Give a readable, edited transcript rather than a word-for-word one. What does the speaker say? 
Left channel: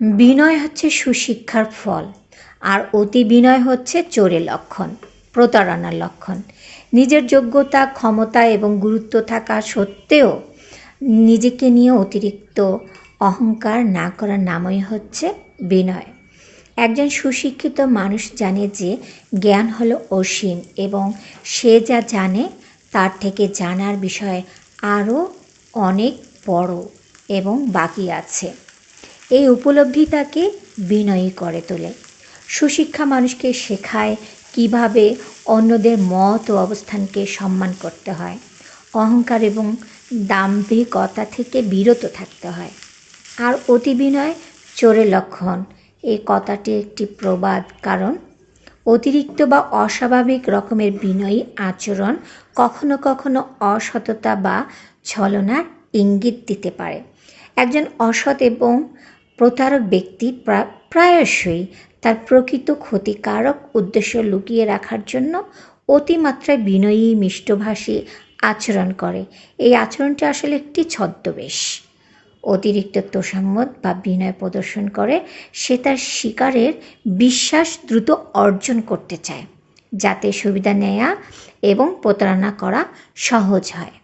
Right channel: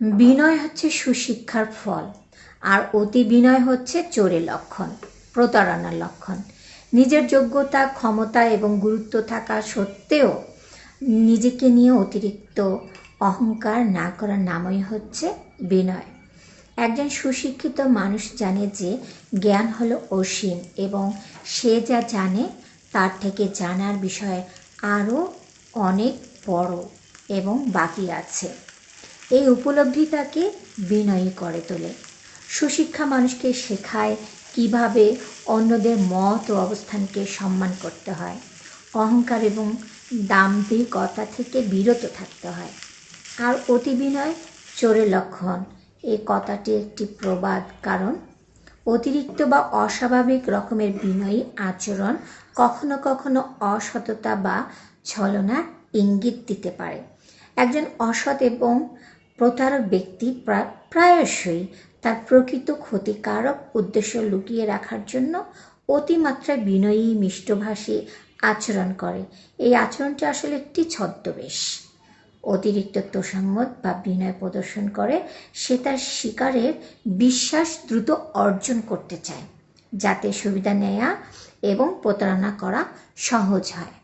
বিনয় হচ্ছে সুশিক্ষার ফল, আর অতি বিনয় হচ্ছে চোরের লক্ষণ, প্রতারণার লক্ষণ। নিজের যোগ্যতা, ক্ষমতা এবং গুরুত্ব থাকা সত্ত্বেও নিজেকে নিয়ে অতিরিক্ত অহংকার না করার নামই হচ্ছে বিনয়। একজন সুশিক্ষিত মানুষ জানে যে জ্ঞান হলো অসীম এবং সে যা জানে তার থেকে জানার বিষয় আরও অনেক বড় এবং বাকি আছে। এই উপলব্ধি তাকে বিনয়ী করে তোলে। সুশিক্ষা মানুষকে শেখায় কিভাবে অন্যদের মত ও অবস্থানকে সম্মান করতে হয়, অহংকার এবং দাম্ভিকতা থেকে বিরত থাকতে হয়। আর অতি বিনয় চোরের লক্ষণ, এই কথাটি একটি প্রবাদ, কারণ অতিরিক্ত বা অস্বাভাবিক রকমের বিনয়ী আচরণ কখনো কখনো অসততা বা ছলনার ইঙ্গিত দিতে পারে। একজন অসৎ এবং প্রতারক ব্যক্তি প্রায়শই তার প্রকৃত ক্ষতিকারক উদ্দেশ্য লুকিয়ে রাখার জন্য অতিমাত্রায় বিনয়ী, মিষ্টভাষী আচরণ করে। এই আচরণটি আসলে একটি ছদ্মবেশ। অতিরিক্ত তোষামোদ বা বিনয় প্রদর্শন করে সে তার শিকারের বিশ্বাস দ্রুত অর্জন করতে চায়, যাতে সুবিধা নেওয়া এবং প্রতারণা করা সহজ হয়।